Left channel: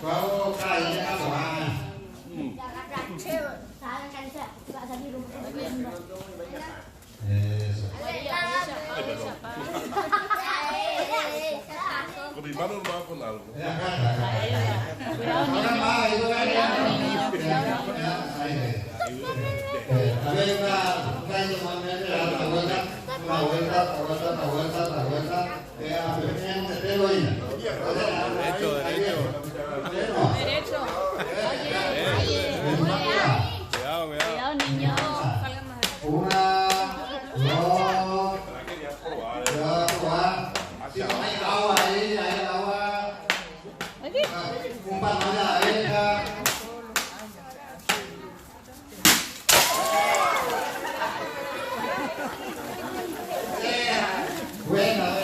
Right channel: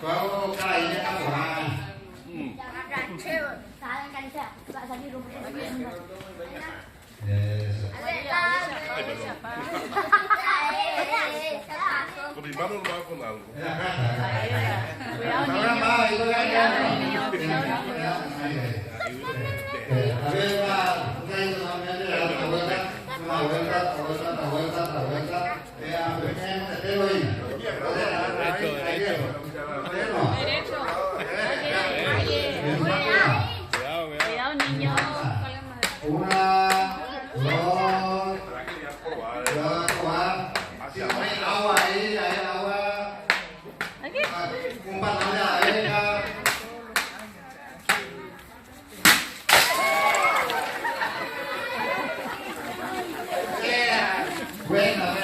Kau kalahnya kan orang. Bagaimana rumah aku lalu? Orang mau itu kan. Cuidado, niño. Una, dos, mấy lâu vậy, vậy lâu quá. Cũng bắt nó ra đấy. Quen rồi.